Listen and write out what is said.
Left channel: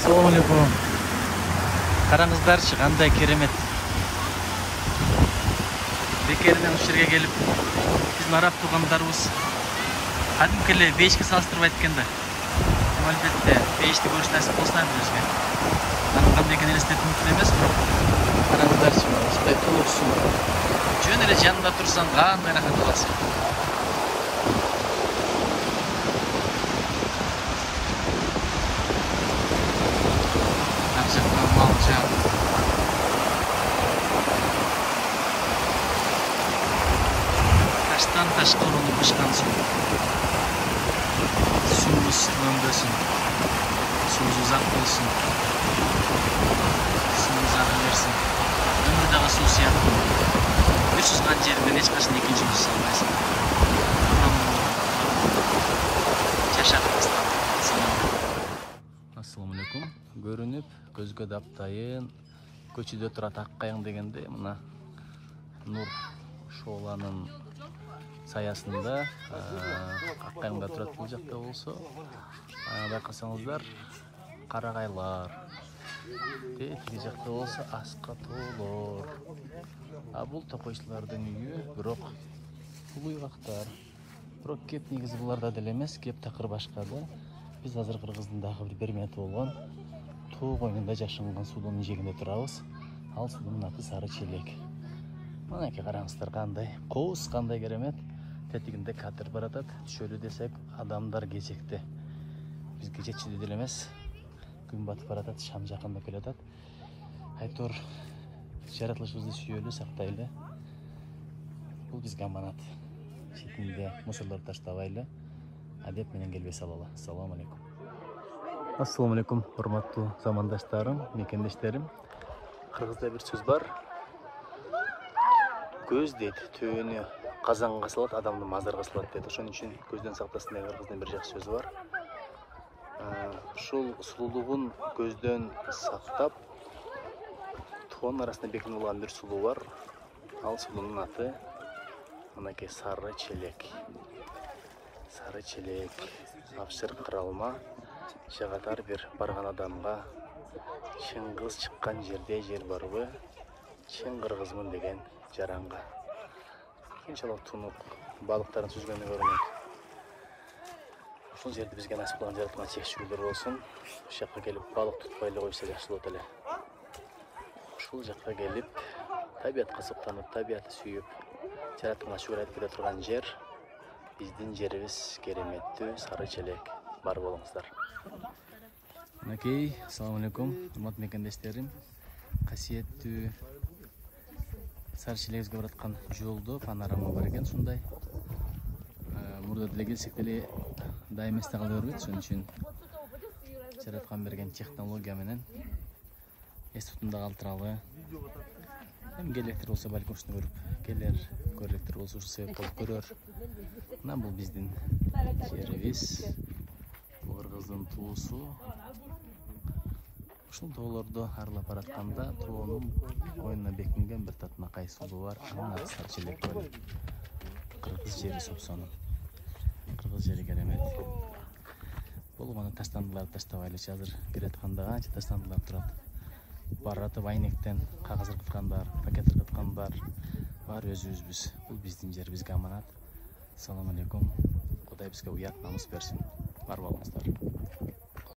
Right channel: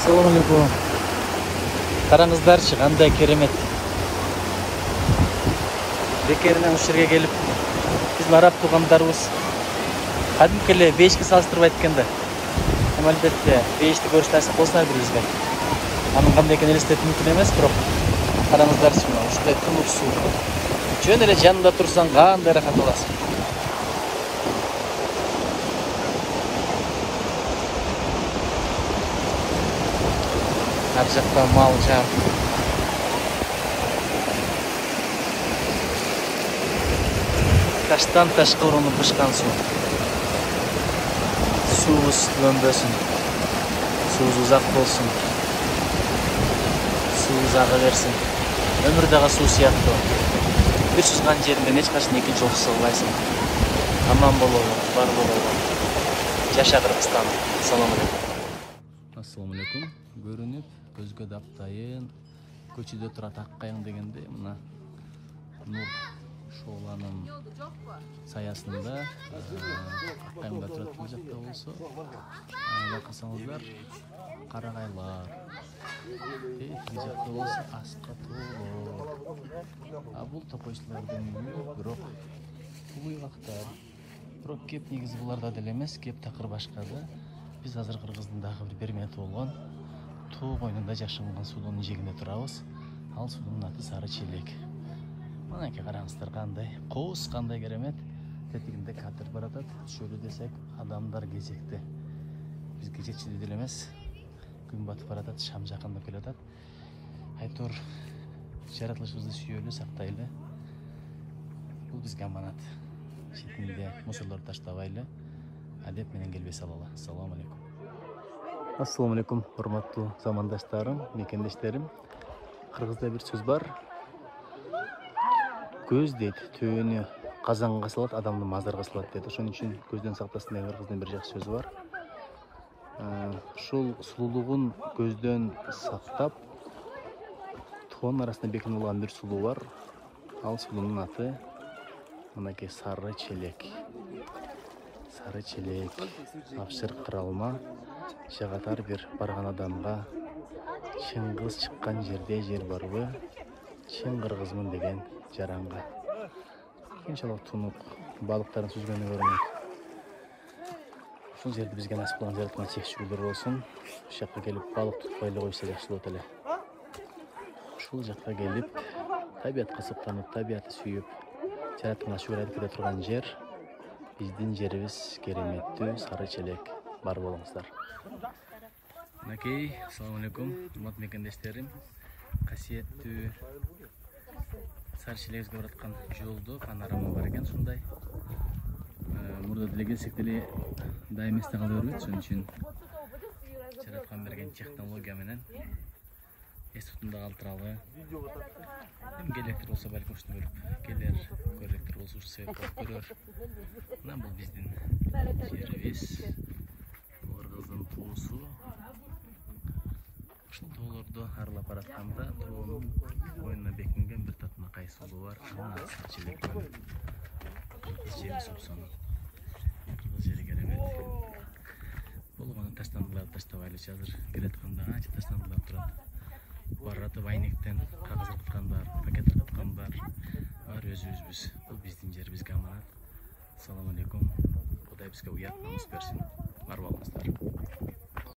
Assalamu alaikum. Qarаңыздарчы, qanday керемет. Бекерінен осы жерге келіп, біздің араб туғандарымыз кәдімгі эле бейішке салыстырып айтканда. Әлбетте, бейішті көріш нәсіп болсын әрбір бізге. Аның қандай екенін елестету мүмкін емес, бірақ қараңыздарчы, мына осындай тұнық су. Жөн эле жанында тұрсаң, қандай рахат аласың. Ар жақта мал жан. Таштан ташқа ұрынып ұшқан су. Суыз өнбөсін. Суыз ұзақ болсын. Суыз аға берсін. Өмірдағы су сияқты. Bir шыққан жеріңден ешқашын екінші жол салмайсың. Аман болуы, бар болуы. Жаша Қырғызстан. Ассаламу алейкум. Көрініп, көзге даптайын, көчеде тұра таққайын дегенде, мына Нұр Шоланың саясында қаққайында тұрады бұл жақта болса. Байқасаңыздар, қарағайлар. Тегі жақта болса, асқа толыр. Бұл тоқойшылардың үйі, бірақ бұл үйрақтар. Бірақ кеп негізі бұларда дәлемес, кеп тақыр башқады. Біз азыр Қырғыздың бір берметі болған. Туу қойнында жашынған судың жегінде тұрауыз. Ал судың аты Сары Челек. Мұнеке қараңыздар қандай. Қоғыз қандай керемет. Тетігінде катер баратады. Шөлі десек, адамдар кезекті. Біз кезетші деделемес. Күн батып баратады, шам жақында келатады. Айтор, жаратылышымызды сүйелі, сақтайлы. Бұл бізге аманат. Шетінде мұсырлар таштабайлы. Әдеп менен келбес алалы. Ассаламу алейкум. Ассаламу алейкум, құрматтуу замандаштарым, мекендештерим. Қырғызда бір сөз бар. Көз дейді, төөнү қазанға салат, адамды мазарға салат дейді. Ошон үчүн көзден сактасын деген Кыргыздын бір жақсы сөзү бар. Ушул сулуулугун көздөн сактап, тоонун арасында бекинип алган бир сулуу бар. Ал сулуунун аты мынакей Сары Челек. Сары Челек, Апшыр кыралма, жагатар бир барган адамга чыңгыз чыккан жерде жер барбы, чын кыргызмын деген жаранга. Кинчалык тунук балыктарын сүзгөнү көрмөйт. Ушул жерде бизге насип кылган жараткан чекчүүлөр болсун. Ушул жакка келип балык тутпай эле койсо жакшы болот эле. Ушул жакка келип табиятка суктанып, табиятты сүйүп, жараткан шуурайды кире турган жер. Биздин жерибиз кереметтүү Сары Челек. Бар болуңуздар. Мынакей, ассаламу алейкум, урматтуу мекендештерим. Касиеттүү Сары Челегибизге бараткан жолдо панорама бар экен, ушундай. Мурда деле келсек деле дайым эсте кала бербейт, ошон үчүн жараткан берген технология менен эс тутумда калтыралы. Эми келектер болсо балким ушуну көрүп келер, көрөлектер болсо ушул себеп болуп көрөр. Мына бул биздин жерибиз. Бул Кыргыздын туусу. Ушул тоолорду аралап баратканда тоонун боюна бекинген бир татынакай сулуу бар. Анын аты Сары Челек болот. Кыргыз жери сопсону. Кыргыз жери керемет. Болгону таштандылар, таштабайлычы азыр келатканда канча таштандылар турат. Баратып айнектен кагаз ыркыткандар, пакет ыркыткандар бар өзүбүзбүз. Бул биздин жер, бизге аманат. Ассаламу алейкум. Кудай бизге уят намыс берсин. Бар болуңуздар.